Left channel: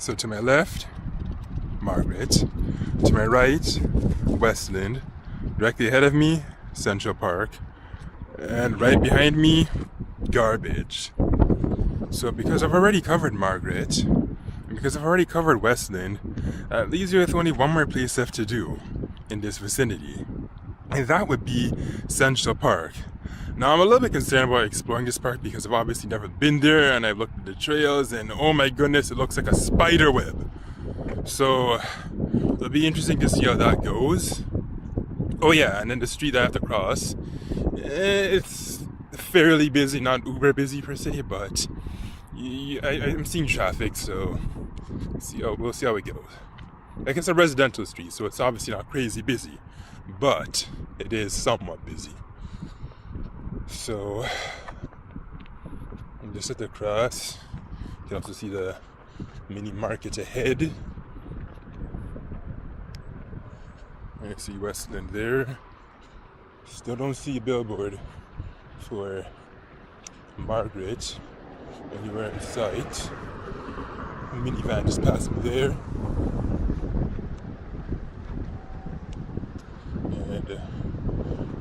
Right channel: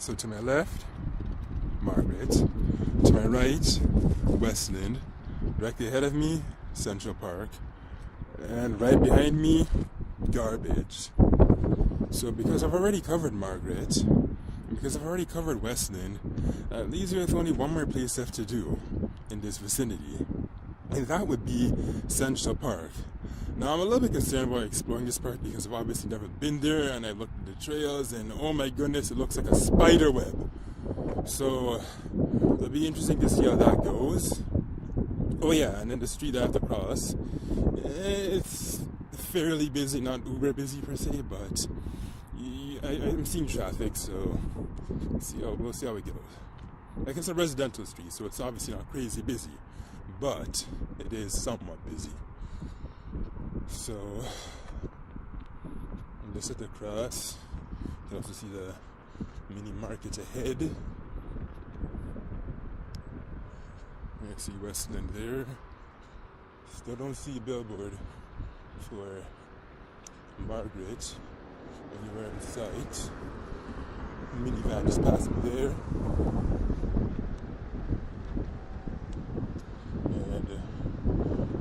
So to my left, Margaret. To my right, Westland. Directly ahead of me, Central Park. And right behind me, garbage. So because I've already covered Margaret, and because I've already covered Westland, that leaves you with only one more place left to do in this vicinity. And that would be Central Park. Now I'm a little bit concerned about exploring this park because I've obviously never been there, and I've looked at the trails and oh my goodness, it looks like a spider web. So it'll be interesting to see how that goes. Oh yeah, and then the street I have to cross, it's fairly busy, not uber busy per se, but I'm seeing traffic, so we'll see how it goes. Like, it's a residential street, so it's obviously not crazy busy, but it is somewhat busy. So I'm just at the cross. You can also see the mini market ahead. I see Westland there. Still don't see a billboard for Margaret anywhere in sight. A minivan just passed me there. And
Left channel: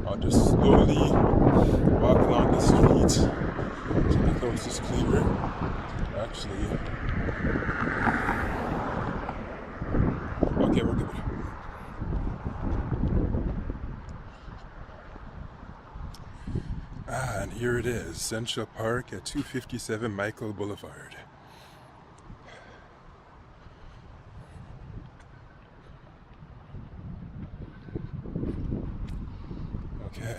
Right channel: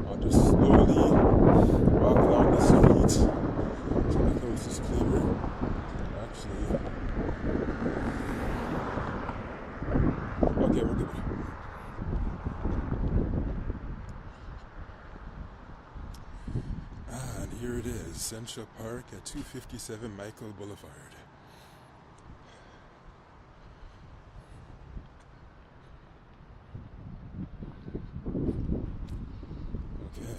I'll just slowly walk along the street till the coast is clear. Actually, okay, we're good. And here it is, Central Park at 257 Michael Boulevard. Okay,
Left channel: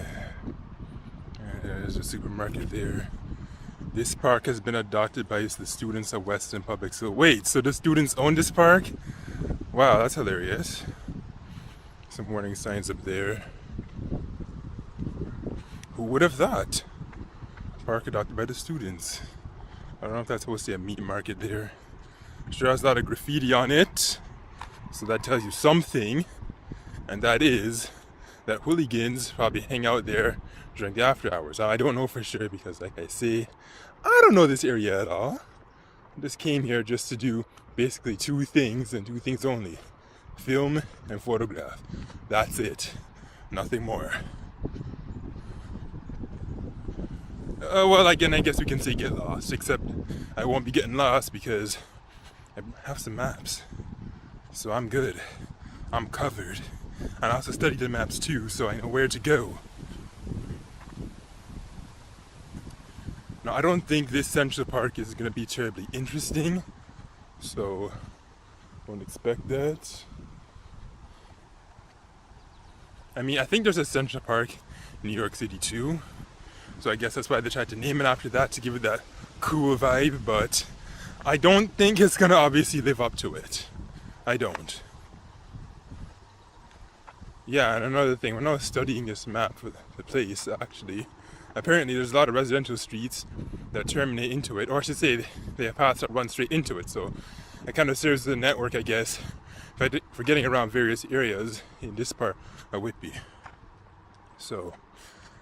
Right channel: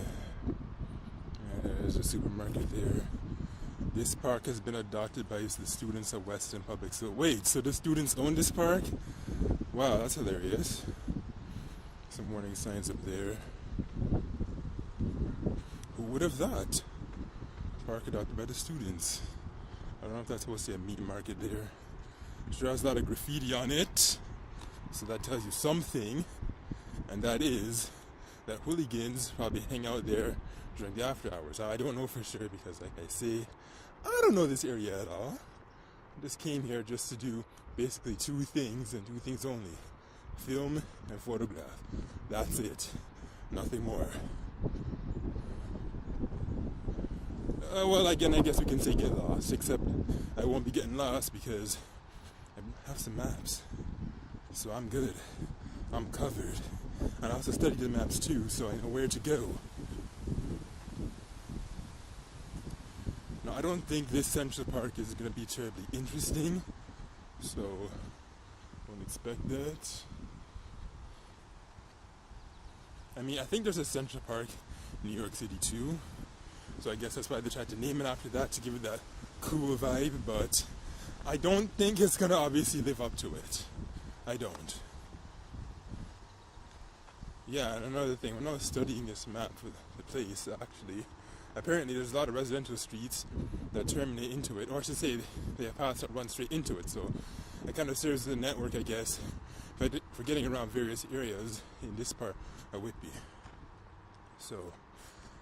and there's a supermarket there. This park has been adopted by the students of Western Public School. Wait, so the students own this park? Wow, that's hilarious. Some warning signs up there. Who would have thought? Park adopted by the students. I don't know if that's supposed to be a meat market there. Sure has a lot of graffiti on it. So that tells you something. And that is that hooligans probably hang out there during the after hours. I don't know for sure because, like I say, I don't know this area at all. I just came here just to do basically two things and two things only. Film and photograph. That's it. Nothing more. Well, again, I guess we can say get lost, except I won't be getting lost because I have some maps. So I'm good. I'm covered. And I also studied the maps too, so I know where to go. Now, I don't think this Central Park is going to be terribly interesting, so don't expect that. I mean, I think there's a Central Park in New York City too. So I guess that's why they tried to name it after that, to give it that cool vibe, but I don't think it's gonna obviously live up to it. I don't. Yeah, and another thing, when I was studying this map for the place, actually, apparently there's a lot of residential streets that terminate into it, or I should say, they have paths that run straight into it, so it kind of serves as a network, I guess, for getting around various areas in this part of Whitby. So,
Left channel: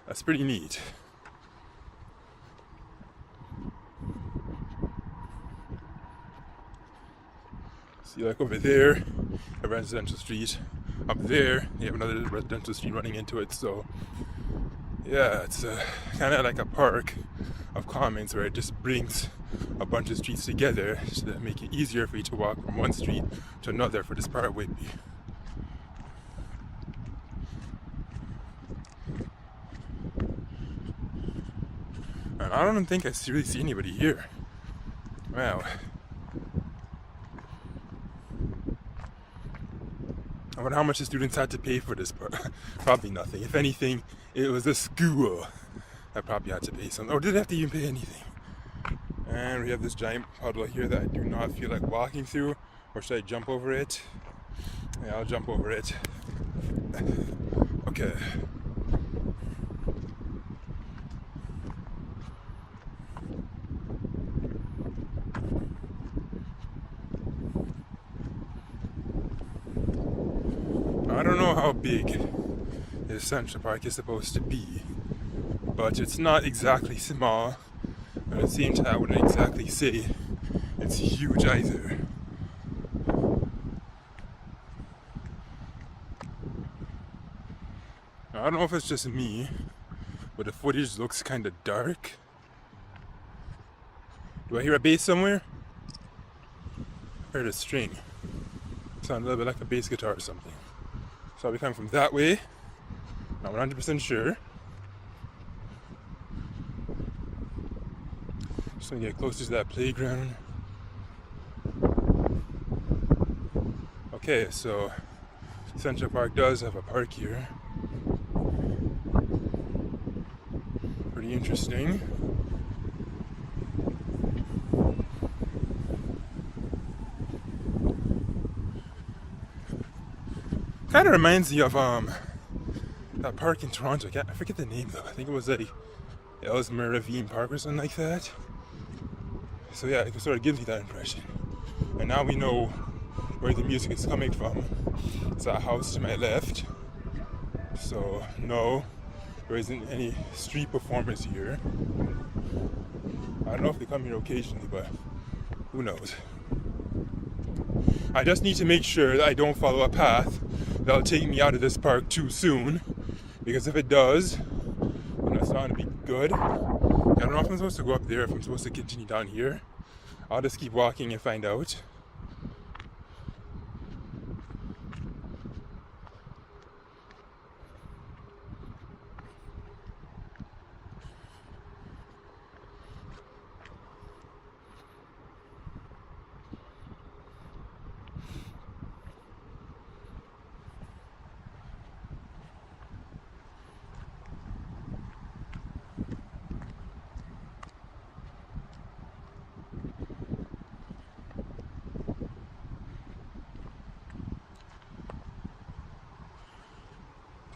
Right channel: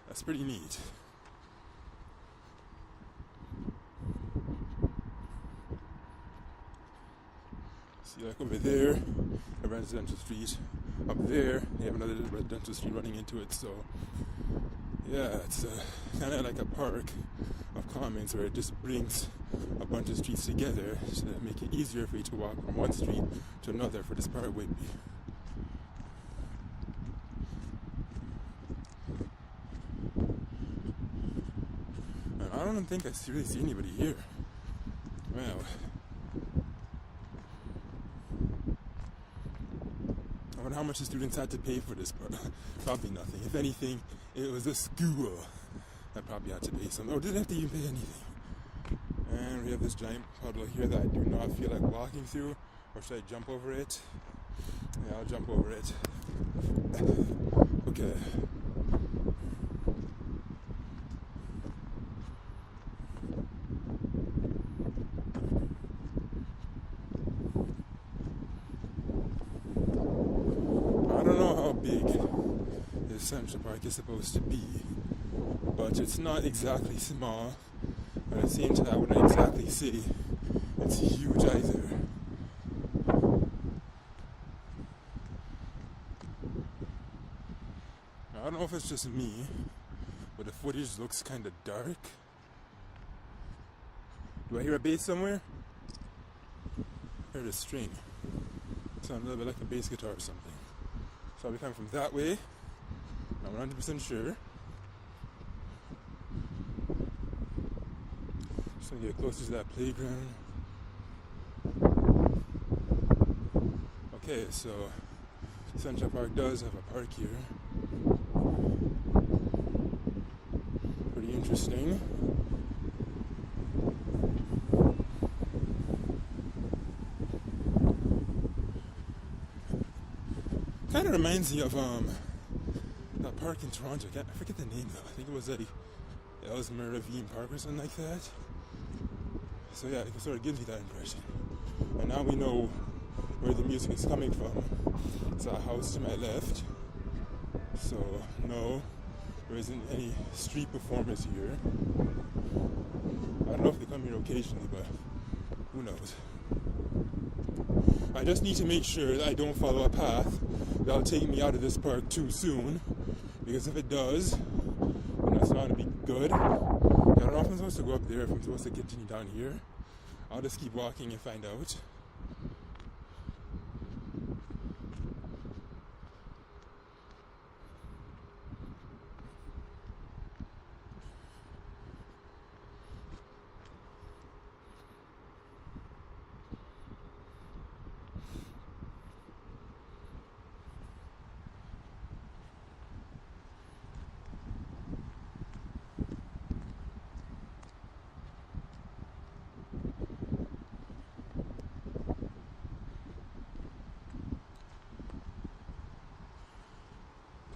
that's pretty neat. See, like over there, a residential street. Up there, you have another residential street running into it. So, yeah, it's kind of like a park of commons where it just brings a bunch of streets together to make it easier for you to walk from one street to another for this part of Whitby. And I don't think I really see anybody here. Wow. I wonder how much the students had to pay for this part. Probably nothing. If anything, it was a school that probably had to pay something. Or did they have to even pay anything? And we have this giant puddle here that I do not feel like walking through. Or should I jump over it? Yeah, I'll jump over it. Okay. I don't know how big this Central Park is supposed to be, but it's not exactly small, but at the same time I wouldn't exactly say it's huge either. don't know if it's just me, but the footage looks kind of dark. Do I hear a bass somewhere? I heard a string. Sounds a little bit like a bass guitar or something. So I'll be coming from that way. Not 100% sure. Just gonna get closer to that playground. Okay, so Central Park does have a park here. Pretty interesting. Kind of reminds me of that park in Toronto. I forget the name though. I think it was like Ellesmere Ravine Park or something like that. So yeah, it sort of gives me that impression. And now we know where the music is coming from. It's that house to my left. So no, there isn't any street performers here. I don't know if they come here occasionally, but who knows. I just need to make sure that I don't follow a path that'll take me out of this park too soon, because if it does, then that's not gonna be good. I don't know if I'm supposed to go up there, if I'm supposed to continue down here. I'll just keep walking and find out.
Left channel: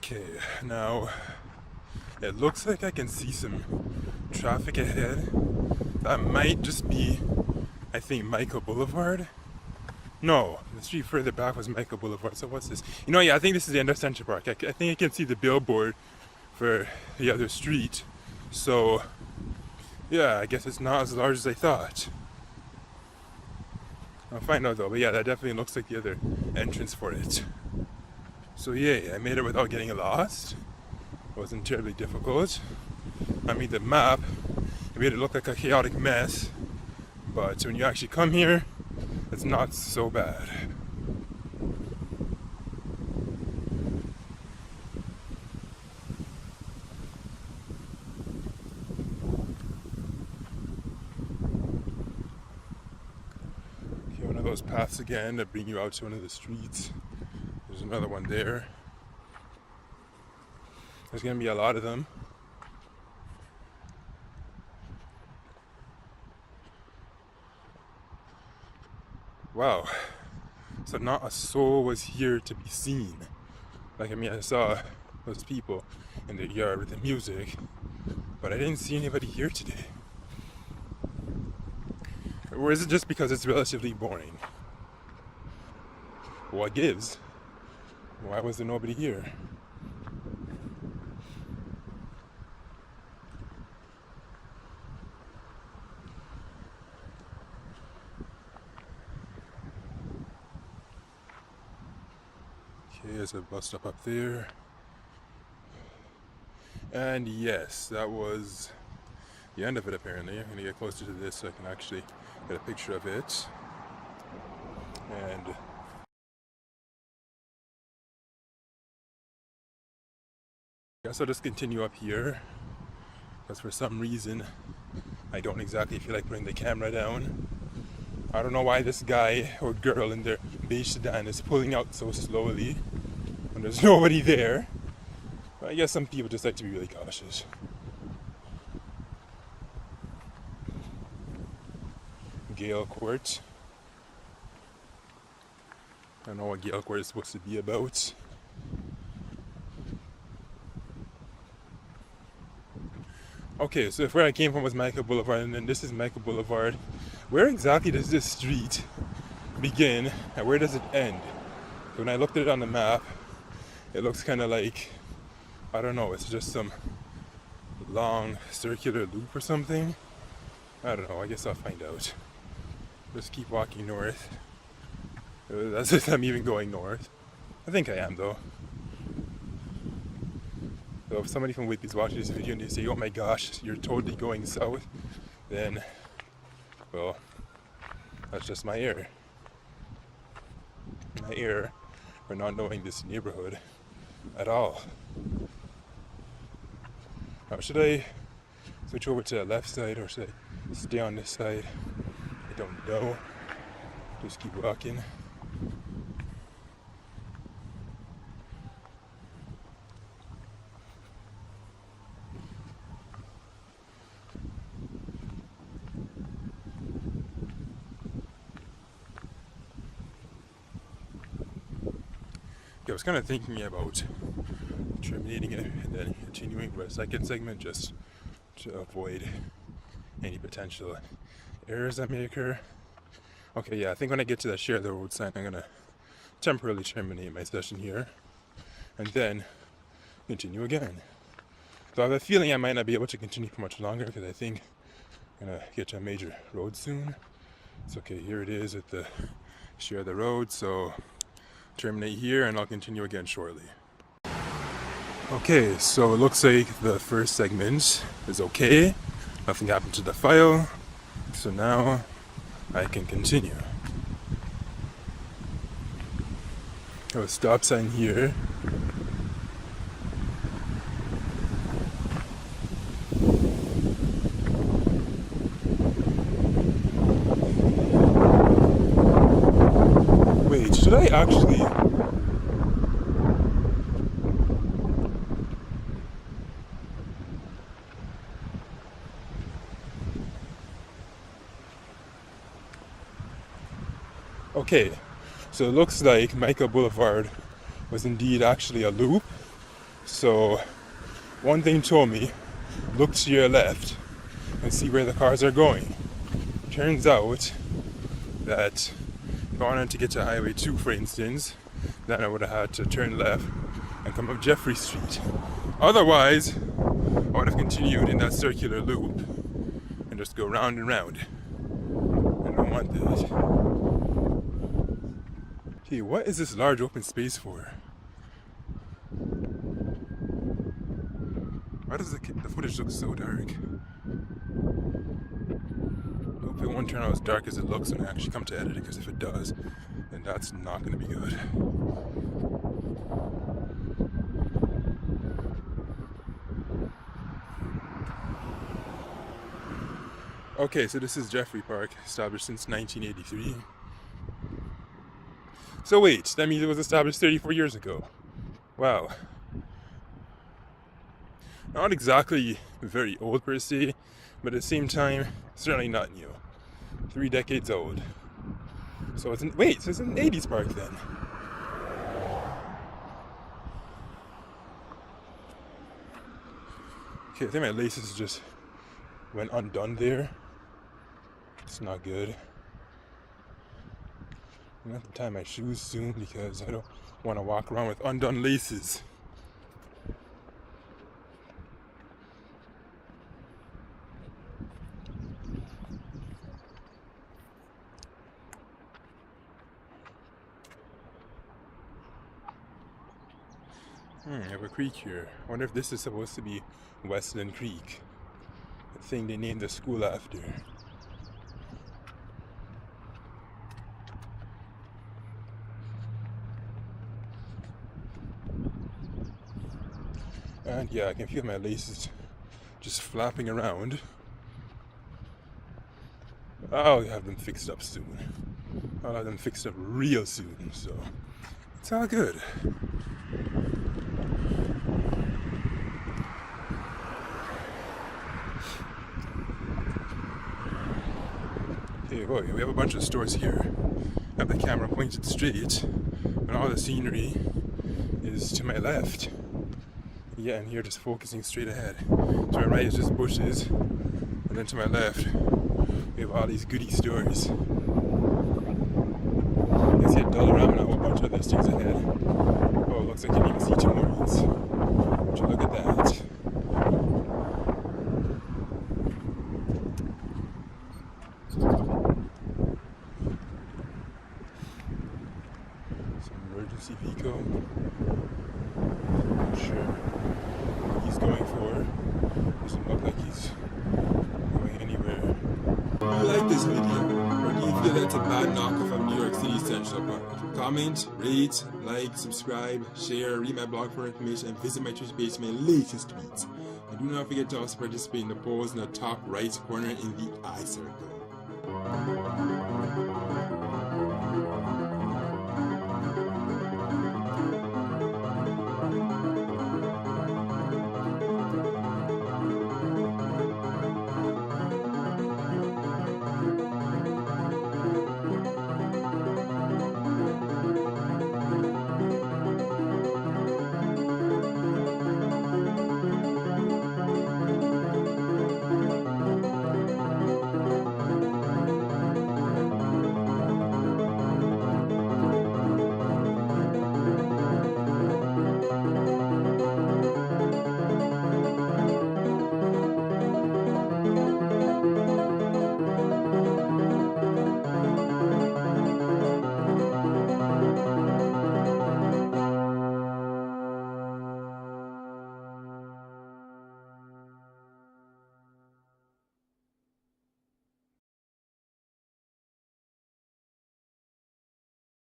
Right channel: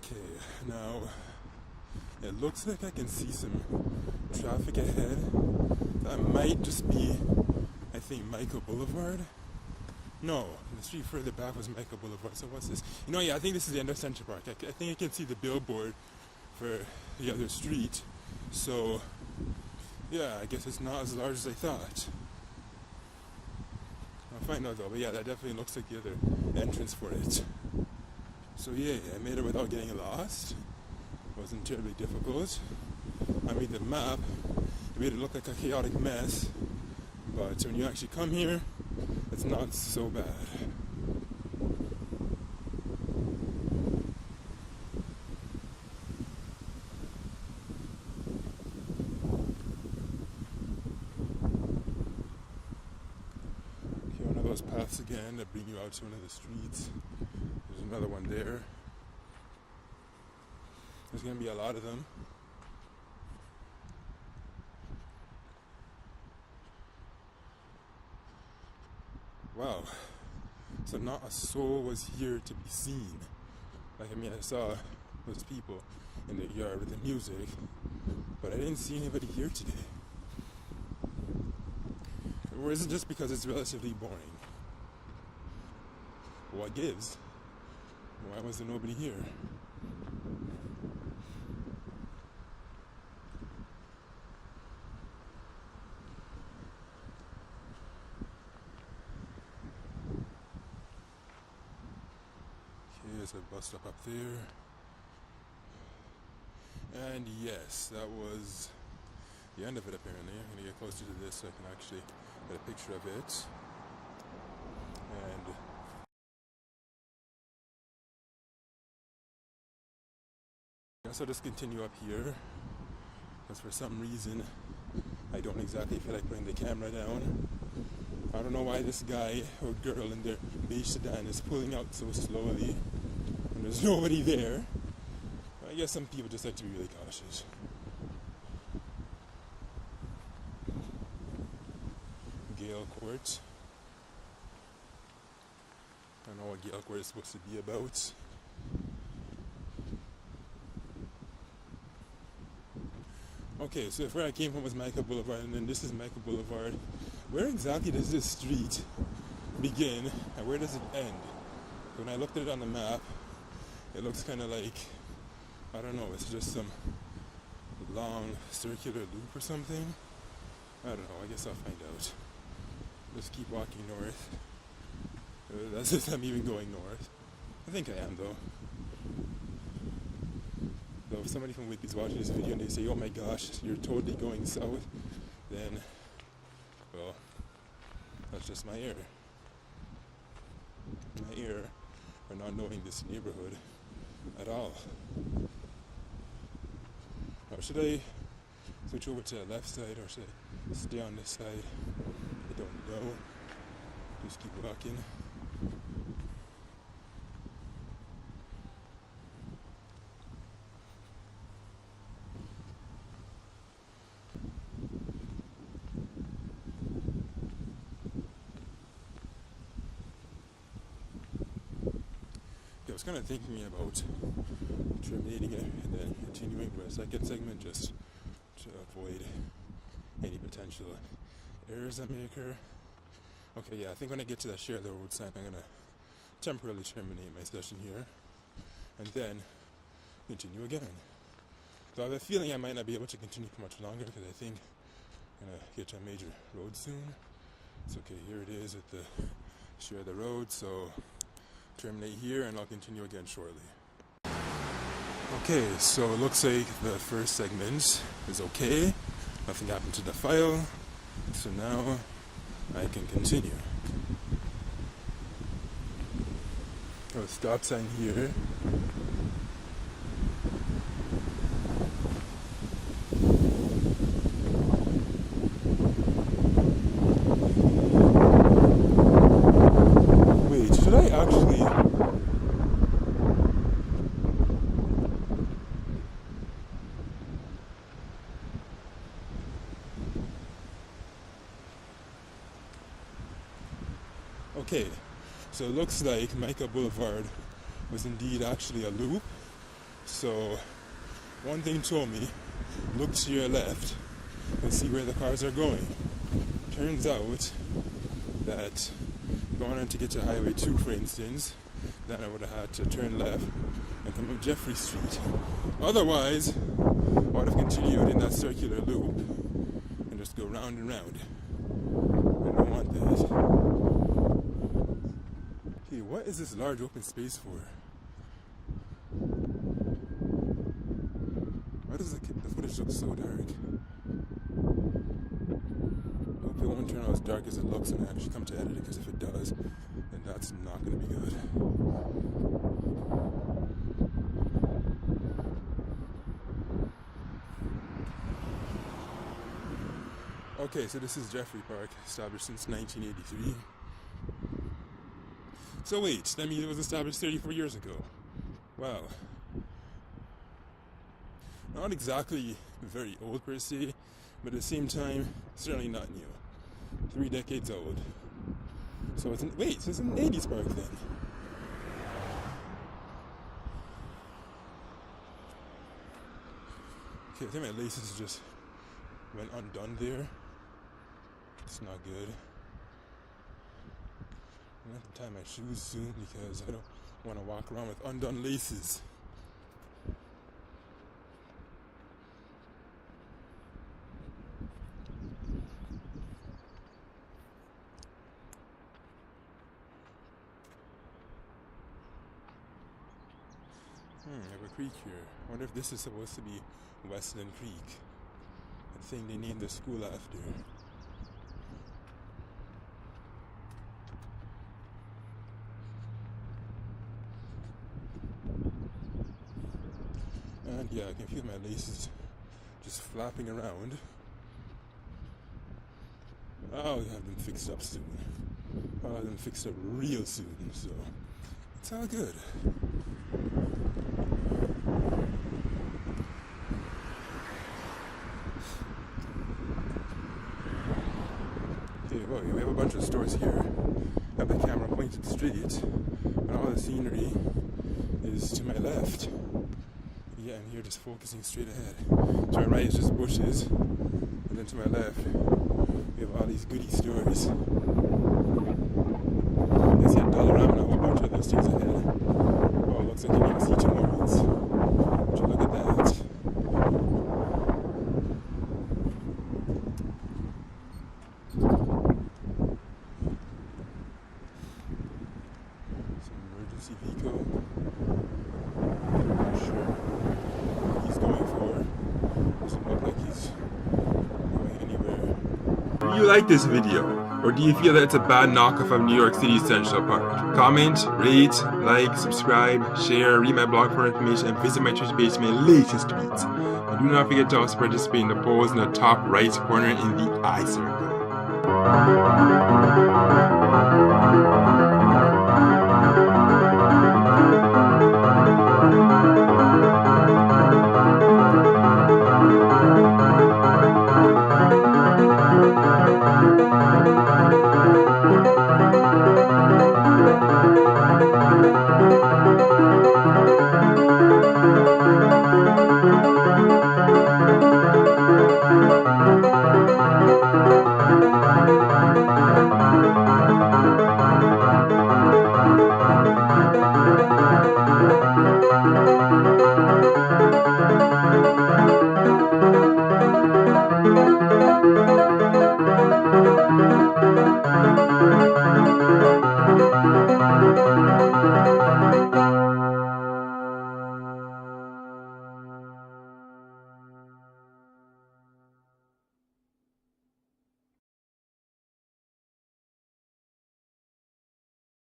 Okay, now it looks like I can see some traffic ahead. That might just be, I think, Michael Boulevard. No, the street further back was Michael Boulevard. So what's this? You know, yeah, I think this is the end of Central Park. I think I can see the billboard for the other street. So, yeah, I guess it's not as large as I thought. I'll find out though, but yeah, that definitely looks like the other entrance for it. So yay, I made it without getting lost. It wasn't terribly difficult. I mean, the map made it look like a chaotic mess, but when you actually come here, it's not so bad. Okay, one of those paths again that bring you out to one of the streets. There's another one there. There's gonna be a lot of them. Wow. So not a soul was here to be seen. Like, I mean, I saw those people in the yard with the music, but I didn't see anybody here today. Or is it just because it's relatively boring? What gives? Why was there nobody here? Okay, there's a bus stop up there. And yes, that was the end of it apparently. I'm gonna get closer to this so I can actually get a picture of it. And I guess I'll just continue up here, because for some reason I don't exactly feel like putting the camera down. I don't know why this guy or girl in their beige sedan is pulling out so slowly when there's nobody there. But I guess some people just like to be really cautious. Gale Court. I don't know what Gale Court is supposed to be about. Okay, so if where I came from was Michael Boulevard, and then this is Michael Boulevard, where exactly does this street begin and where does it end? When I looked at it on the map, it looks kind of like, I don't know, it's just some long circular loop or something. I don't know, I guess I'll find out. Just keep walking north. That's if I'm even going north. I think I am though. So if somebody from Whitby is watching this video and they say, oh my gosh, you're totally going south, then, well, that's just my error. My error for not knowing this neighborhood at all. Now, should I switch over to the left side or should I stay on this side? I don't know. Just keep walking. I was kind of thinking about terminating it and then continuing with a second segment just to avoid any potential errors that may occur. Okay, yeah, I think when I get to that share the road sign, I'm gonna temporarily terminate my session here and then continue again. So I have a feeling I might not be able to continue for much longer because I think I'm gonna get to a major road soon. It's okay, here it is at the share the road, so terminate here and I'll continue again shortly. Okay, so it looks like the first segment is okay. Nothing happened to the file. So now I can continue. Oh, stop sign here. Wait, should I actually... Okay, so it looks like Micah Boulevard was indeed actually a loop. So one thing told me, look to your left and see where the cars are going. Turns out that if I wanted to get to Highway 2, for instance, then I would have had to turn left and come up Jeffrey Street. Otherwise, I would have continued in that circular loop and just go round and round. I don't want that. Hey, what is this large open space for? Why does the footage look so dark? I hope it won't turn out as dark as it looks when I actually come to edit it, because if it does, then that's not going to be good. Okay, so this is Jeffrey Park, established since 1983. So wait, that means it was established 34 years ago. Wow. Not exactly very old per se, but at the same time, certainly not new. 3 decades old. So it's an 80s park then. Okay, I think my laces just went undone there. It's not good. I'm gonna have to tie my shoes soon because I don't want to walk around with undone laces. I have a creek here. I wonder if this is supposed to be Westland Creek. The thing they named the school after. And yeah, I can feel my laces just flapping around. I'll have them fixed up soon. I'll have them fixed up real soon, so it's all good. Hey, boy, we have a bunch of stores here. I have the camera pointed straight, and all the scenery is to my left. Yeah, and here just focusing straight ahead. To my right is just bushes, and then to my left we have all these goodie stores. I see a Dollarama and a whole bunch of other things ahead. Oh, it looks like you can even see Tim Hortons. Would you look at that? Some emergency vehicle. Not sure. you like this video? Or do you feel that it's a bad knockoff of New York City Central Park? Comment, rate, like, subscribe, share, read my blog for information, and visit my Twitter page for my latest tweets. And do not forget to also participate in the polls in the top right corner in the I circle.